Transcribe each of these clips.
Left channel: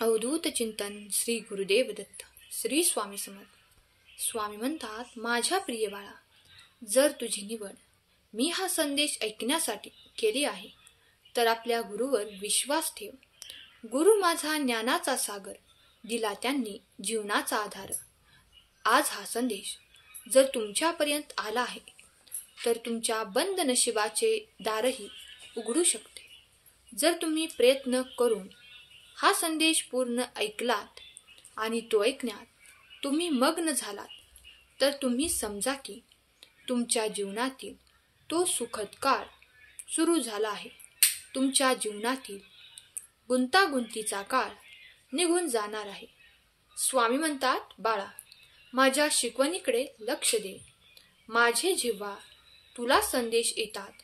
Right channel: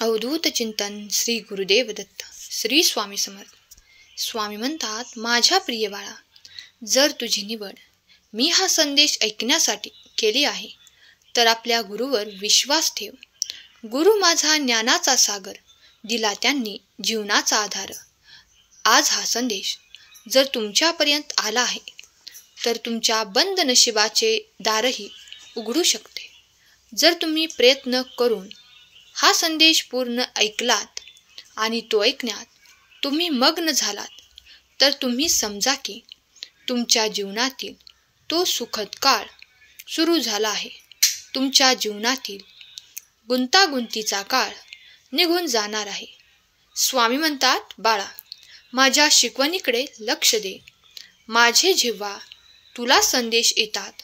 अवधूत चिंतन श्री गुरुदेव दत्त. श्री स्वामी समर्थ. स्वामी म्हणतात, माझ्या प्रिय बाळा, जर तुझी निवड मी हा संदेश ऐकण्यासाठी केली आहे तर आपल्या गुरुवर विश्वास ठेव. गुरु माझा ज्ञानाचा सागर, दिला त्यांनी जीवनाचा आधार. आज हा संदेश जर तुमच्यापर्यंत आला आहे तर तुमच्या बंद नशिबाचे दारही उघडू शकते. जर तुम्ही प्रयत्न करून हा संदेश पूर्ण ऐकलात आणि तो ऐकण्यात तुम्ही मग्न झालात तर तुम्ही समजा की तुमच्या जीवनातील तो सुखद काळ सुरू झाला आहे. तुमच्या जीवनातील गुंतागुंतीचा काळ निघून जाणार आहे. स्वामी म्हणतात, बाळा, माझ्या शिकवणीकडे लक्ष दे. माझे जेव्हा तुला संदेश येतात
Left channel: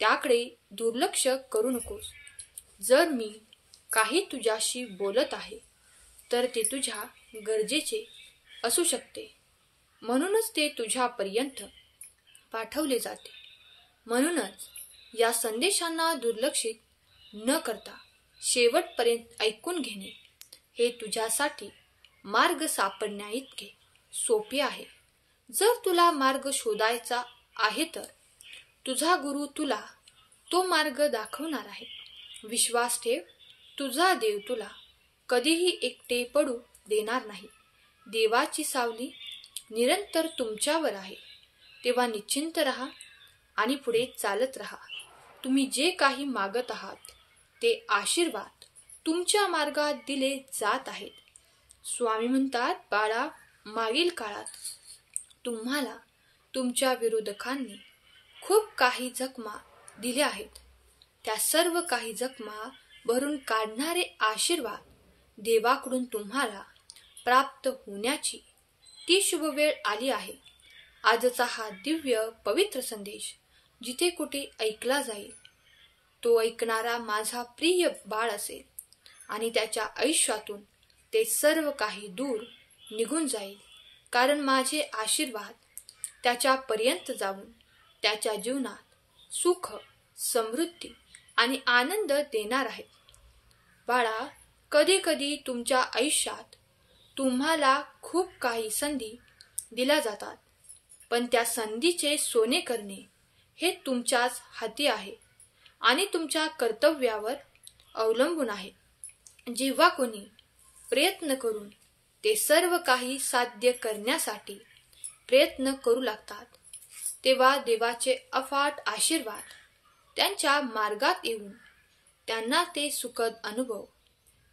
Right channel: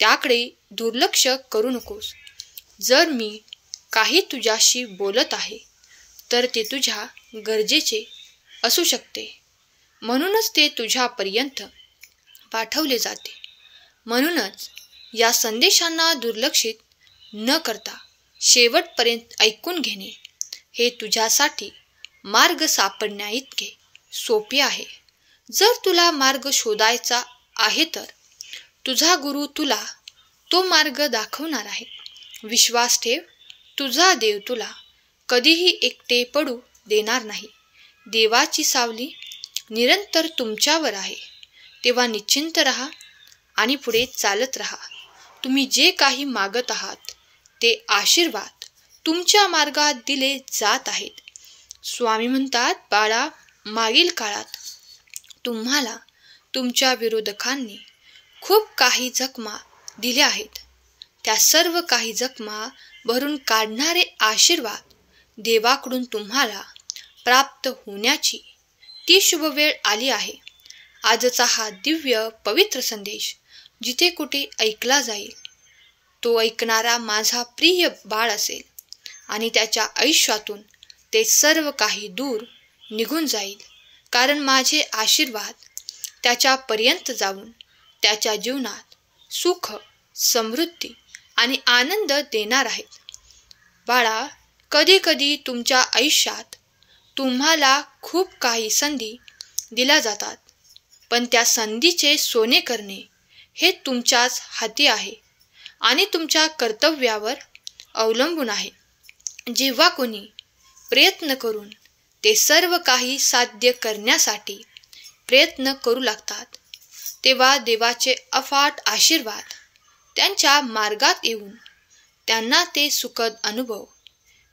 त्याकडे दुर्लक्ष करू नकोस. जर मी काही तुझ्याशी बोलत आहे तर ते तुझ्या गरजेचे असू शकते, म्हणूनच ते तुझ्यापर्यंत पाठवले जाते. म्हणूनच या संदेशांना दुर्लक्षित न करता शेवटपर्यंत ऐकून घेणे हे तुझ्यासाठी मार्ग सापडण्याइतके सोपे आहे. जर तुला मार्ग शोधायचा आहे तर तुझा गुरु तुला तो मार्ग दाखवणार आहे. विश्वास ठेव, तुझा देव तुला कधीही एकटे पडू देणार नाही. देवाची सावली निरंतर तुमच्यावर आहे. तेव्हा निश्चिंत राहा आणि पुढे चालत राहा. तुम्ही जे काही मागत आहात ते आशीर्वाद तुमच्या मार्गात दिले जात आहेत. स्वामी म्हणतात, बाळा, मागील काळात तुम्हाला तुमच्या विरोधकांनी खूप काही जखमा दिल्या आहेत. त्या सर्व काही जखमा भरून काढणारे आशीर्वाद देवाकडून तुम्हाला प्राप्त होण्याची ती शुभ वेळ आली आहे. आजचा हा दिव्य पवित्र संदेश जिथे कुठे ऐकला जाईल तो ऐकणारा माझा प्रिय बाळ असेल आणि त्याच्या आयुष्यातून ते सर्व काही दूर निघून जाईल. कारण माझे आशीर्वाद त्याच्यापर्यंत जाऊन त्याच्या जीवनात सुख, समृद्धी आणि आनंद देणार आहेत. बाळा, कधी कधी तुमच्या आयुष्यात तुम्हाला खूप काही संधी दिल्या जातात, पण त्या संधीचे सोने करणे हे तुमच्याच हाती आहे आणि तुमच्या कर्तव्यावर अवलंबून आहे. जेव्हा कोणी प्रयत्न करून ते सर्व काही साध्य करण्यासाठी प्रयत्न करू लागतात तेव्हा देवाचे अफाट आशीर्वाद त्यांच्या मार्गात येऊन त्यांना ते सुखद अनुभव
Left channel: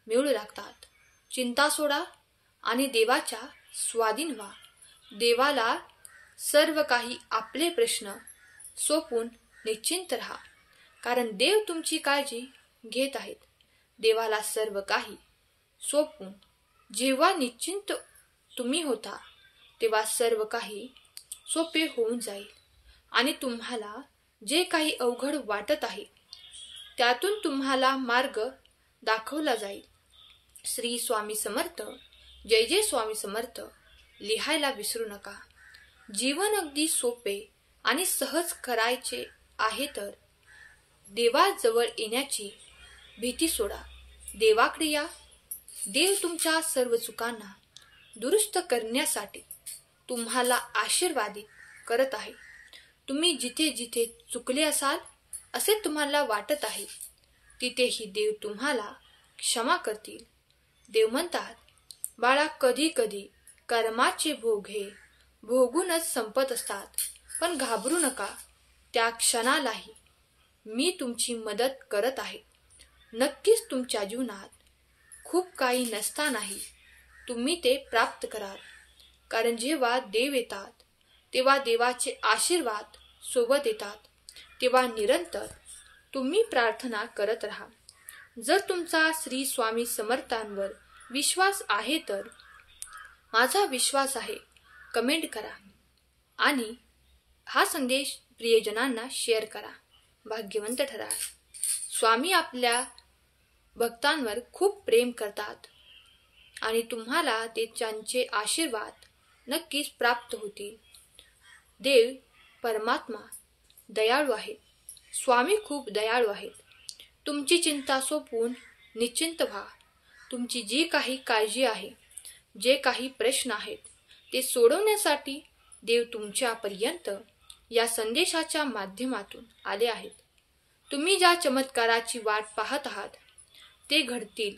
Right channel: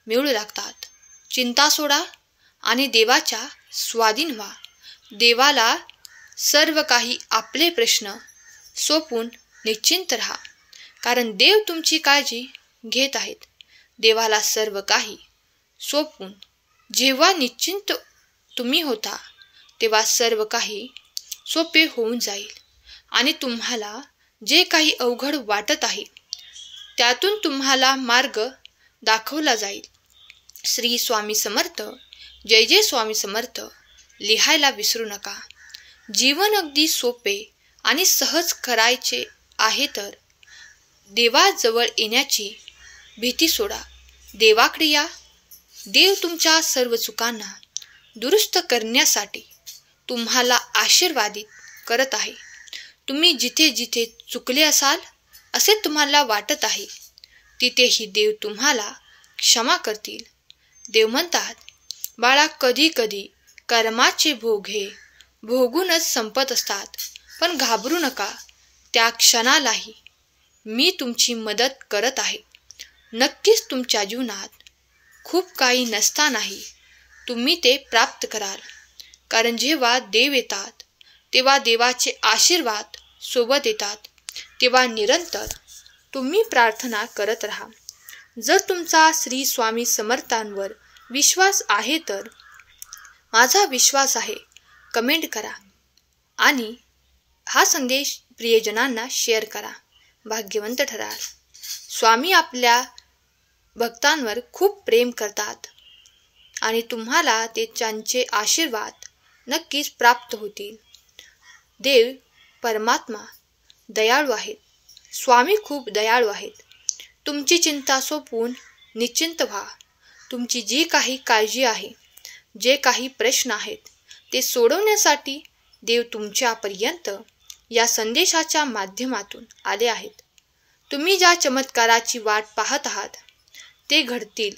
मिळू लागतात. चिंता सोडा आणि देवाच्या स्वाधीन व्हा. देवाला सर्व काही आपले प्रश्न सोपून निश्चिंत राहा, कारण देव तुमची काळजी घेत आहेत. देवाला सर्व काही सोपून जेव्हा निश्चिंत तुम्ही होता तेव्हा सर्व काही सोपे होऊन जाईल आणि तुम्हाला जे काही अवघड वाटत आहे त्यातून तुम्हाला मार्ग दाखवला जाईल. श्री स्वामी समर्थ. जय जय स्वामी समर्थ लिहायला विसरू नका. जीवन अगदी सोपे आणि सहज करायचे आहे तर देवाजवळ येण्याची भीती सोडा. देवाकडे या. देव तुमच्या सर्व चुकांना दुरुस्त करण्यासाठी तुम्हाला आशीर्वादित करत आहे. तुम्ही जिथे जिथे चुकले असाल असे तुम्हाला वाटत आहे तिथेही देव तुम्हाला क्षमा करतील. देव म्हणतात, बाळा, कधी कधी कर्माचे भोग हे भोगूनच संपत असतात, पण घाबरू नका. त्या क्षणालाही मी तुमची मदत करत आहे. नक्कीच तुमच्या जीवनात खूप काही नसतानाही तुम्ही ते प्राप्त कराल, कारण जेव्हा देव येतात तेव्हा देवाचे आशीर्वाद सोबत येतात. तेव्हा निरंतर तुम्ही प्रार्थना करत राहा. जर तुमचा श्री स्वामी समर्थांवर विश्वास आहे तर माझा विश्वास आहे कमेंट करा आणि हा संदेश प्रियजनांना शेअर करा. भाग्यवंत ठराल. स्वामी आपल्या भक्तांवर खूप प्रेम करतात आणि तुम्हाला ते त्यांचे आशीर्वाद नक्कीच प्राप्त होतील. देव परमात्मा दयाळू आहेत. स्वामी खूप दयाळू आहेत. तुमची चिंता सोपवून निश्चिंत व्हा. तुमची जी काही काळजी आहे, जे काही प्रश्न आहेत, ते सोडवण्यासाठी देव तुमच्यापर्यंत या संदेशाच्या माध्यमातून आले आहेत. तुम्ही ज्या चमत्काराची वाट पाहत आहात ते घडतील.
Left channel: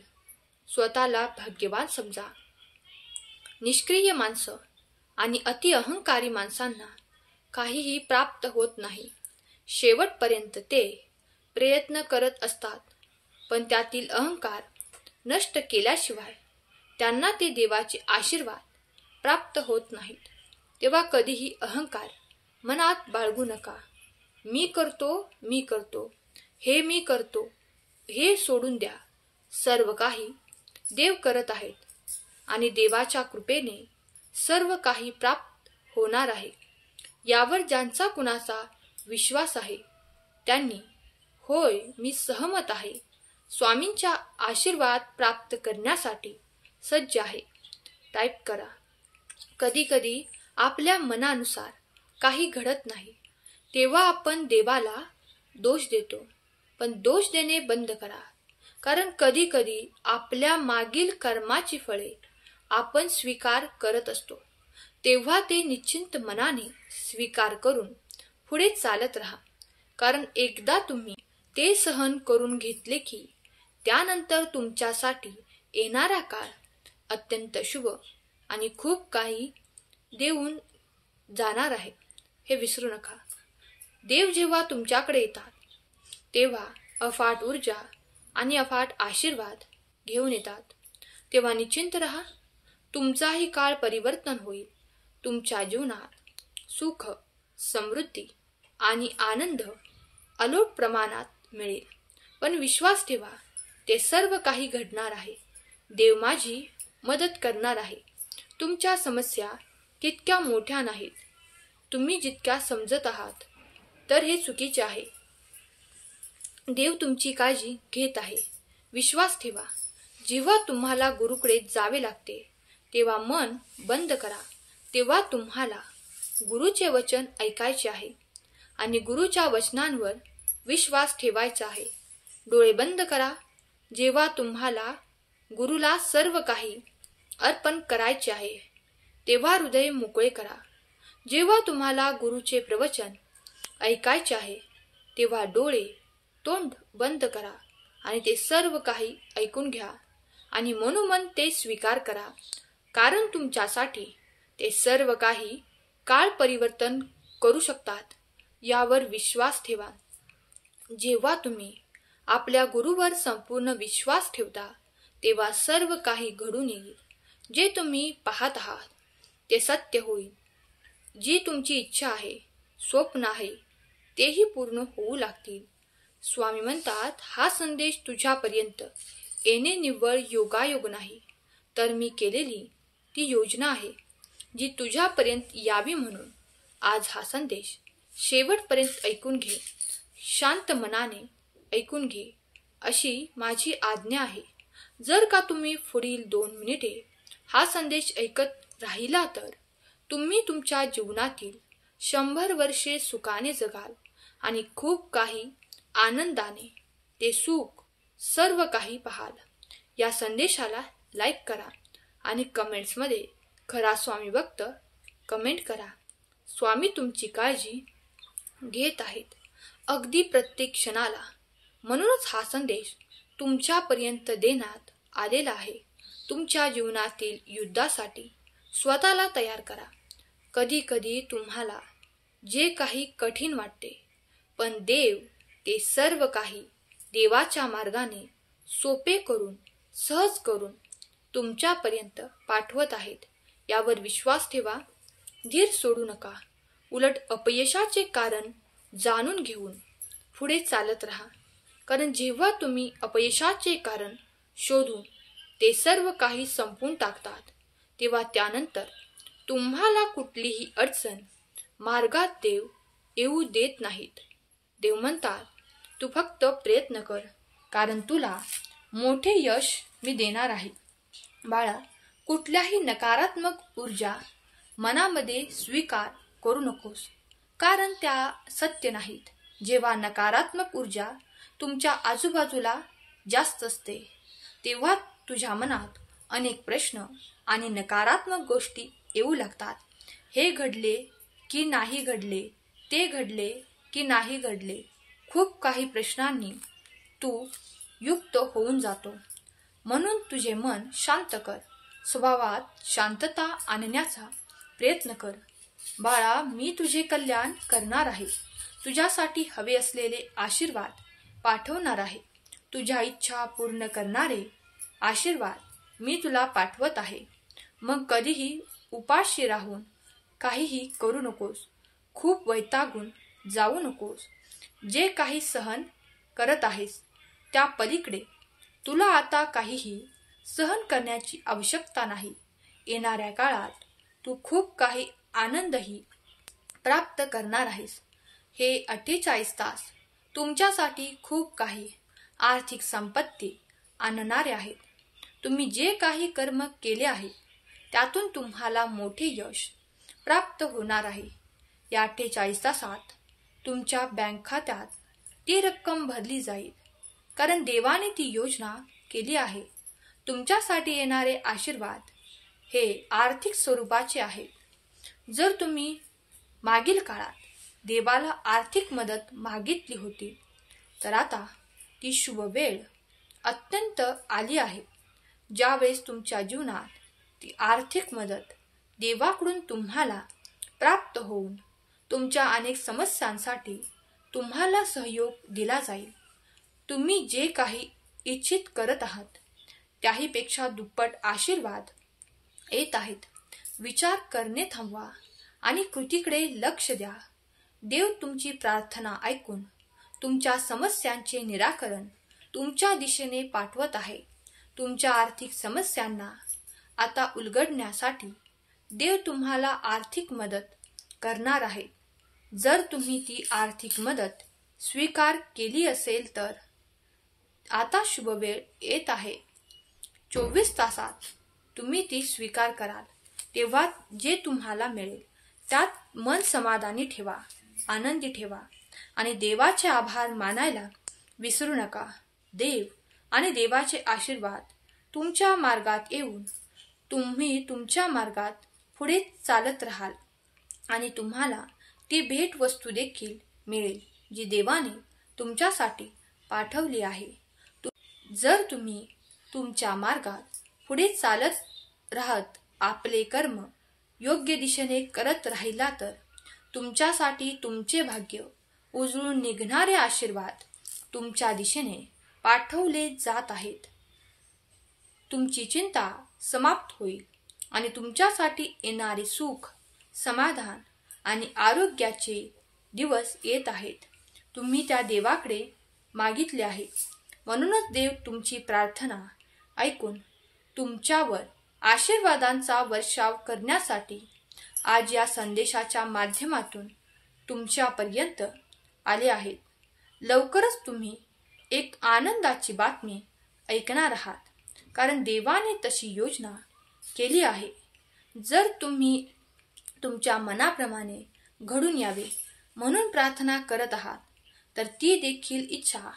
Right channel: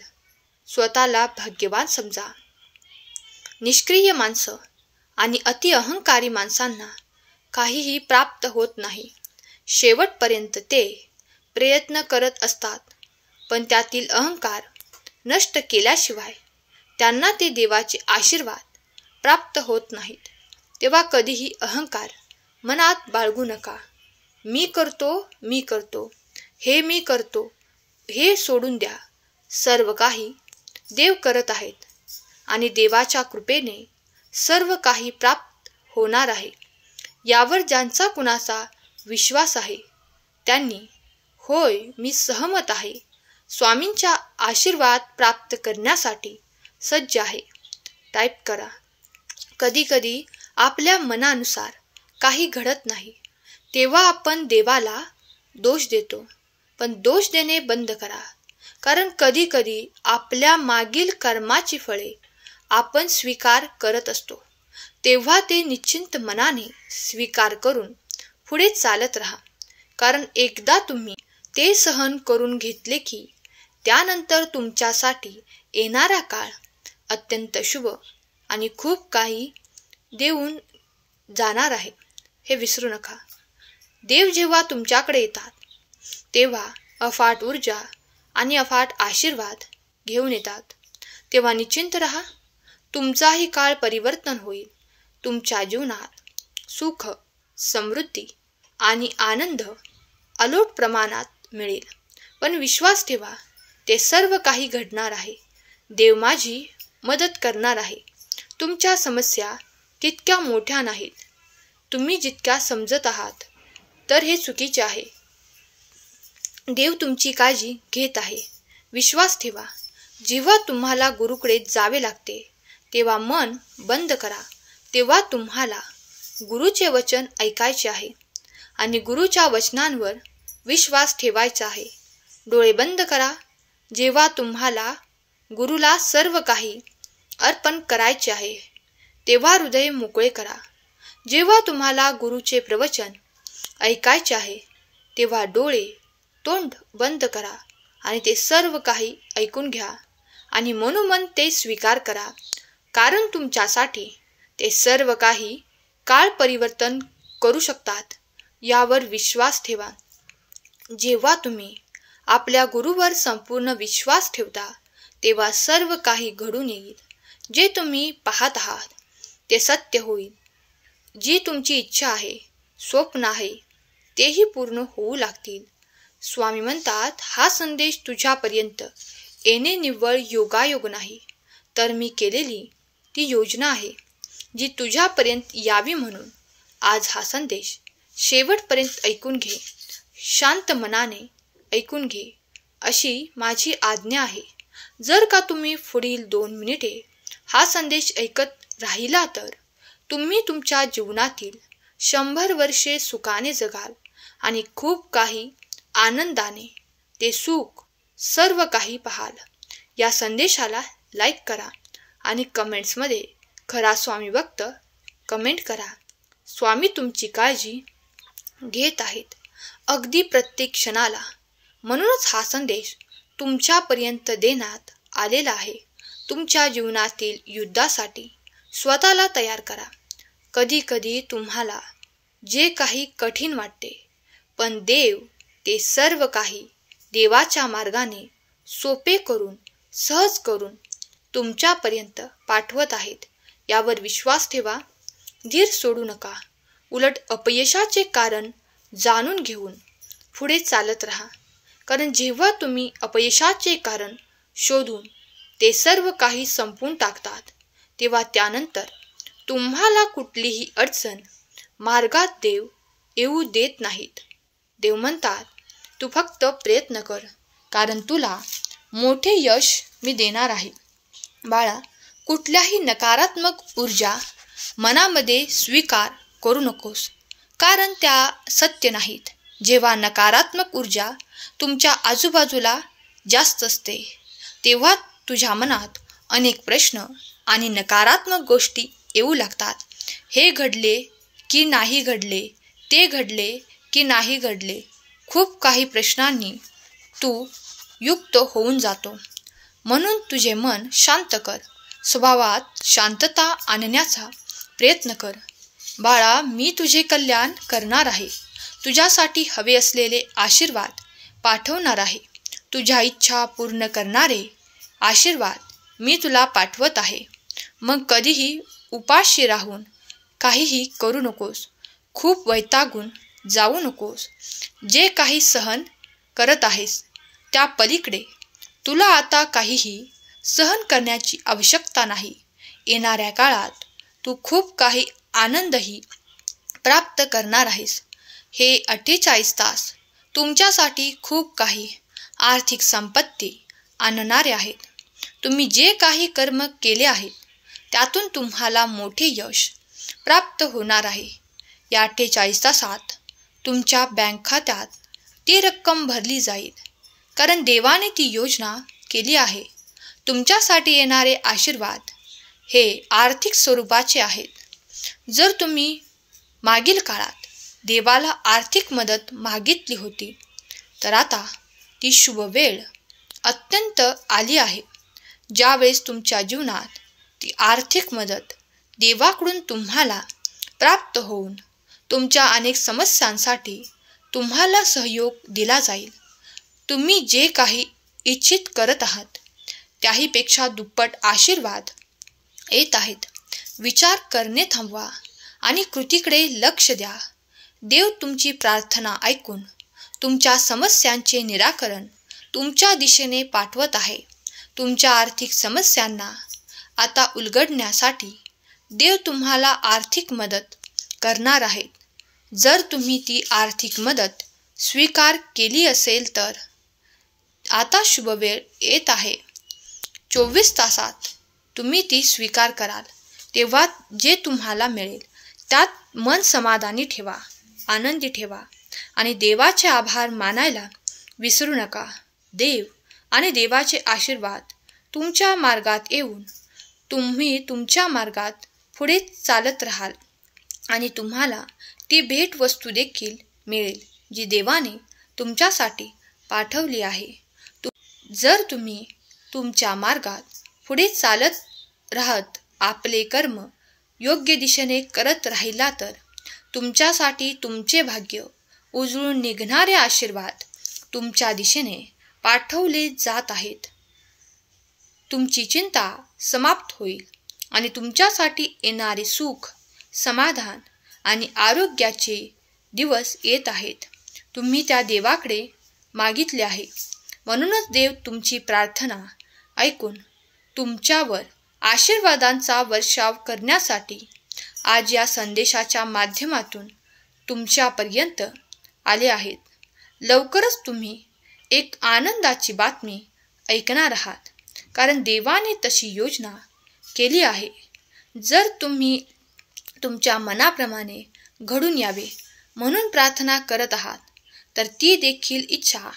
स्वतःला भाग्यवान समजा. निष्क्रिय माणसं आणि अति अहंकारी माणसांना काहीही प्राप्त होत नाही. शेवटपर्यंत ते प्रयत्न करत असतात, पण त्यातील अहंकार नष्ट केल्याशिवाय त्यांना ते देवाचे आशीर्वाद प्राप्त होत नाहीत. तेव्हा कधीही अहंकार मनात बाळगू नका. मी करतो, हे मी करतो, हे सोडून द्या. सर्व काही देव करत आहेत आणि देवाच्या कृपेने सर्व काही प्राप्त होणार आहे. यावर ज्यांचा कुणाचा विश्वास आहे त्यांनी होय मी सहमत आहे, स्वामींचा आशीर्वाद प्राप्त करण्यासाठी सज्ज आहे टाईप करा. कधीकधी आपल्या मनानुसार काही घडत नाही तेव्हा आपण देवाला दोष देतो, पण दोष देणे बंद करा. कारण कधीकधी आपल्या मागील कर्माची फळे आपण स्वीकार करत असतो. तेव्हा ते निश्चिंत मनाने स्वीकार करून पुढे चालत राहा. कारण एकदा तुम्ही ते सहन करून घेतले की त्यानंतर तुमच्यासाठी येणारा काळ अत्यंत शुभ आणि खूप काही देऊन जाणार आहे, हे विसरू नका. देव जेव्हा तुमच्याकडे येतात तेव्हा अफाट ऊर्जा आणि अफाट आशीर्वाद घेऊन येतात. तेव्हा निश्चिंत राहा. तुमचाही काळ परिवर्तन होईल. तुमच्या जीवनात सुख, समृद्धी आणि आनंद अलोट प्रमाणात मिळेल. पण विश्वास ठेवा, ते सर्व काही घडणार आहे. देव माझी मदत करणार आहे. तुमच्या समस्या तितक्या मोठ्या नाहीत तुम्ही जितक्या समजत आहात, तर हे चुकीचे आहे. देव तुमची काळजी घेत आहे. विश्वास ठेवा. जेव्हा तुम्हाला गुरुकडे जावे लागते तेव्हा मन बंद करा. तेव्हा तुम्हाला गुरुचे वचन ऐकायचे आहे आणि गुरुच्या वचनांवर विश्वास ठेवायचा आहे. डोळे बंद करा. जेव्हा तुम्हाला गुरुला सर्व काही अर्पण करायचे आहे तेव्हा हृदय मोकळे करा. जेव्हा तुम्हाला गुरुचे प्रवचन ऐकायचे आहे तेव्हा डोळे, तोंड बंद करा आणि ते सर्व काही ऐकून घ्या आणि मनोमन ते स्वीकार करा. कारण तुमच्यासाठी ते सर्व काही काळ परिवर्तन करू शकतात यावर विश्वास ठेवा. जेव्हा तुम्ही आपल्या गुरुवर संपूर्ण विश्वास ठेवता तेव्हा सर्व काही घडून येईल. जे तुम्ही पाहत आहात ते सत्य होईल. जी तुमची इच्छा आहे, स्वप्न आहे, तेही पूर्ण होऊ लागतील. स्वामी म्हणतात, हा संदेश तुझ्यापर्यंत येणे निव्वळ योगायोग नाही, तर मी केलेली ती योजना आहे जी तुझ्यापर्यंत यावी. म्हणून आज हा संदेश शेवटपर्यंत ऐकून घे. शांत मनाने ऐकून घे अशी माझी आज्ञा आहे. जर का तुम्ही पुढील 2 मिनिटे हा संदेश ऐकत राहिला तर तुम्ही तुमच्या जीवनातील 100 वर्षे सुखाने जगाल आणि खूप काही आनंदाने ते सुख सर्व काही पाहाल. या संदेशाला लाईक करा आणि कमेंट्समध्ये खरा स्वामी भक्त कमेंट करा. स्वामी तुमची काळजी घेत आहेत अगदी प्रत्येक क्षणाला. म्हणूनच हा संदेश तुमच्यापर्यंत देण्यात आलेला आहे. तुमच्या जीवनातील युद्धासाठी स्वतःला तयार करा. कधी कधी तुम्हाला जे काही कठीण वाटते, पण देव ते सर्व काही देवाच्या मार्गाने सोपे करून, सहज करून तुमच्यापर्यंत पाठवत आहेत. यावर विश्वास ठेवा. धीर सोडू नका. उलट अपयशाचे कारण जाणून घेऊन पुढे चालत राहा. कारण जेव्हा तुम्ही अपयशाचे कारण शोधून ते सर्व काही संपवून टाकतात तेव्हा त्यानंतर तुम्हाला कुठलीही अडचण मार्गात देव येऊ देत नाहीत. देव म्हणतात, तू फक्त प्रयत्न कर, कारण तुला मोठे यश मी देणार आहे. बाळा, कुठल्याही नकारात्मक ऊर्जा मनामध्ये स्वीकार करू नकोस, कारण त्या सत्य नाहीत. जेव्हा नकारात्मक ऊर्जा तुमच्या आजूबाजूला जास्त असते तेव्हा तुझ्या मनात अनेक प्रश्न आणि नकारात्मक गोष्टी येऊ लागतात. हे घडले की नाही घडले, ते घडले की नाही घडले, खूप काही प्रश्नांनी तू युक्त होऊन जातो. म्हणून तुझे मन शांत कर. स्वभावात शांतता आणण्याचा प्रयत्न कर. बाळा, मी तुझे कल्याण करणार आहे. तुझ्यासाठी हवे असलेले आशीर्वाद पाठवणार आहे. तुझ्या इच्छा पूर्ण करणारे आशीर्वाद मी तुला पाठवत आहे. मग कधीही उपाशी राहून काहीही करू नकोस. खूप वैतागून जाऊ नकोस. जे काही सहन करत आहेस त्या पलीकडे तुला आता काहीही सहन करण्याची आवश्यकता नाही. येणाऱ्या काळात तू खूप काही आनंदही प्राप्त करणार आहेस. हे 48 तास तुमच्यासाठी खूप काही आर्थिक संपत्ती आणणारे आहेत. तुम्ही जे काही कर्म केले आहेत त्यातून तुम्हाला मोठे यश प्राप्त होणार आहे. या 48 तासात तुमच्या बँक खात्यात ती रक्कम भरली जाईल, कारण देवाने ती योजना केली आहे. तुमच्यासाठी येणारे आशीर्वाद हे आर्थिक स्वरूपाचे आहेत. जर तुम्ही मागील काळात देवाला आर्थिक मदत मागितली होती तर आता ती शुभ वेळ अत्यंत आली आहे, ज्यावेळेस तुमच्या जीवनात ती आर्थिक मदत देवाकडून तुम्हाला प्राप्त होऊन तुमच्या अनेक समस्यांसाठी तुम्हाला सहयोग दिला जाईल. तुम्ही जे काही इच्छित करत आहात त्याहीपेक्षा दुप्पट आशीर्वाद येत आहेत. विचार करणे थांबवा आणि कृतीकडे लक्ष द्या. देव तुमची प्रार्थना ऐकून तुमच्या समस्यांचे निराकरण तुमच्या दिशेने पाठवत आहे. तुमच्या आर्थिक समस्यांना आता उलगडण्यासाठी देव तुम्हाला आर्थिक मदत करणार आहे. जर तुम्ही ती आर्थिक मदत स्वीकार केली असेल तर आता शुभ वेळ येत आहे. 24 तासात तुम्ही ती स्वीकार कराल तेव्हा जे तुम्हाला मिळेल त्यात मन समाधानी ठेवा, आनंदी ठेवा आणि देवाचे आभार मानायला विसरू नका. देव आणि देवाचे आशीर्वाद तुमच्या मार्गात येऊन तुम्ही तुमच्या मार्गात पुढे चालत राहाल आणि तुम्हाला ती भेटवस्तू देखील मिळेल जी देवाने तुमच्यासाठी पाठवली आहे. जर तुम्ही तुमच्या मार्गात पुढे चालत राहत आपले कर्म योग्य दिशेने करत राहिला तर तुमच्यासाठी तुमचे भाग्य उजळून निघणारे आशीर्वाद तुमच्या दिशेने पाठवले जात आहेत. तुमची चिंता समाप्त होईल आणि तुमच्यासाठी येणारे सुख, समाधान आणि आरोग्याचे दिवस येत आहेत. तुम्ही त्या देवाकडे मागितले आहे, म्हणूनच देव तुमची प्रार्थना ऐकून तुमच्यावर आशीर्वादांचा वर्षाव करण्यासाठी आज या संदेशाच्या माध्यमातून तुमच्यापर्यंत आले आहेत. लवकरच तुम्ही एक आनंदाची बातमी ऐकणार आहात, कारण देवाने तशी योजना केली आहे. जर तुम्ही तुमच्या मनाप्रमाणे घडून यावे म्हणून प्रार्थना करत आहात तर ती देखील इच्छा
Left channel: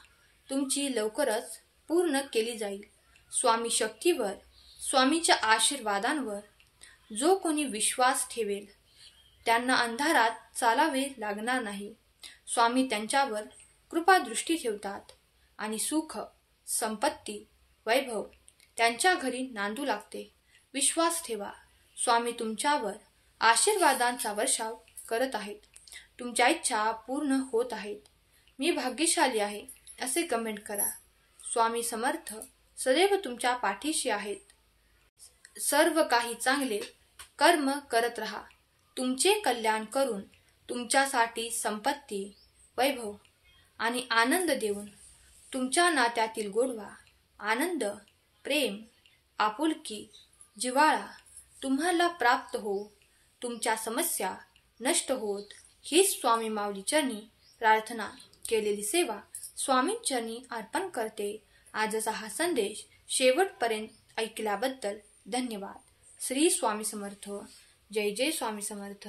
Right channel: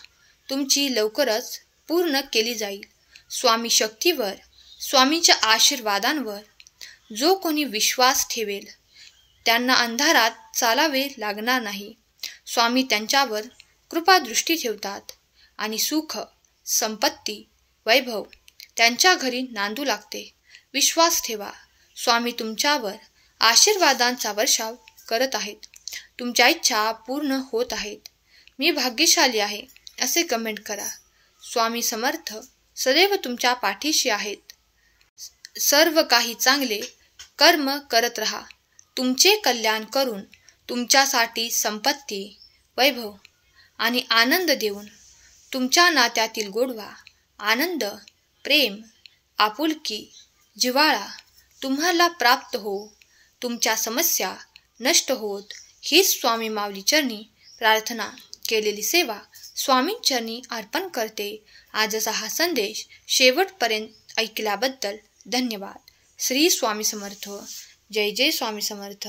तुमची लवकरच पूर्ण केली जाईल. स्वामी शक्तीवर, स्वामीच्या आशीर्वादांवर जो कोणी विश्वास ठेवेल त्यांना अंधारात चालावे लागणार नाही. स्वामी त्यांच्यावर कृपादृष्टी ठेवतात आणि सुख, संपत्ती, वैभव त्यांच्या घरी नांदू लागते. विश्वास ठेवा, स्वामी तुमच्यावर आशीर्वादांचा वर्षाव करत आहेत. तुमच्या इच्छा पूर्ण होत आहेत. मी भाग्यशाली आहे असे कमेंट करा. स्वामी समर्थ सदैव तुमच्या पाठीशी आहेत. सर्व काही चांगले कर्म करत रहा. तुमचे कल्याण करून तुमच्यासाठी संपत्ती, वैभव आणि आनंद देऊन तुमच्या नात्यातील गोडवा, आनंद, प्रेम, आपुलकी, जिव्हाळा तुम्हाला प्राप्त हो. तुमच्या समस्या नष्ट होत हीच स्वामी माऊली चरणी प्रार्थना केलेली सेवा स्वामींचरणी अर्पण करते. आजचा हा संदेश शेवटपर्यंत ऐकल्याबद्दल धन्यवाद. श्री स्वामी समर्थ. जय जय स्वामी समर्थ.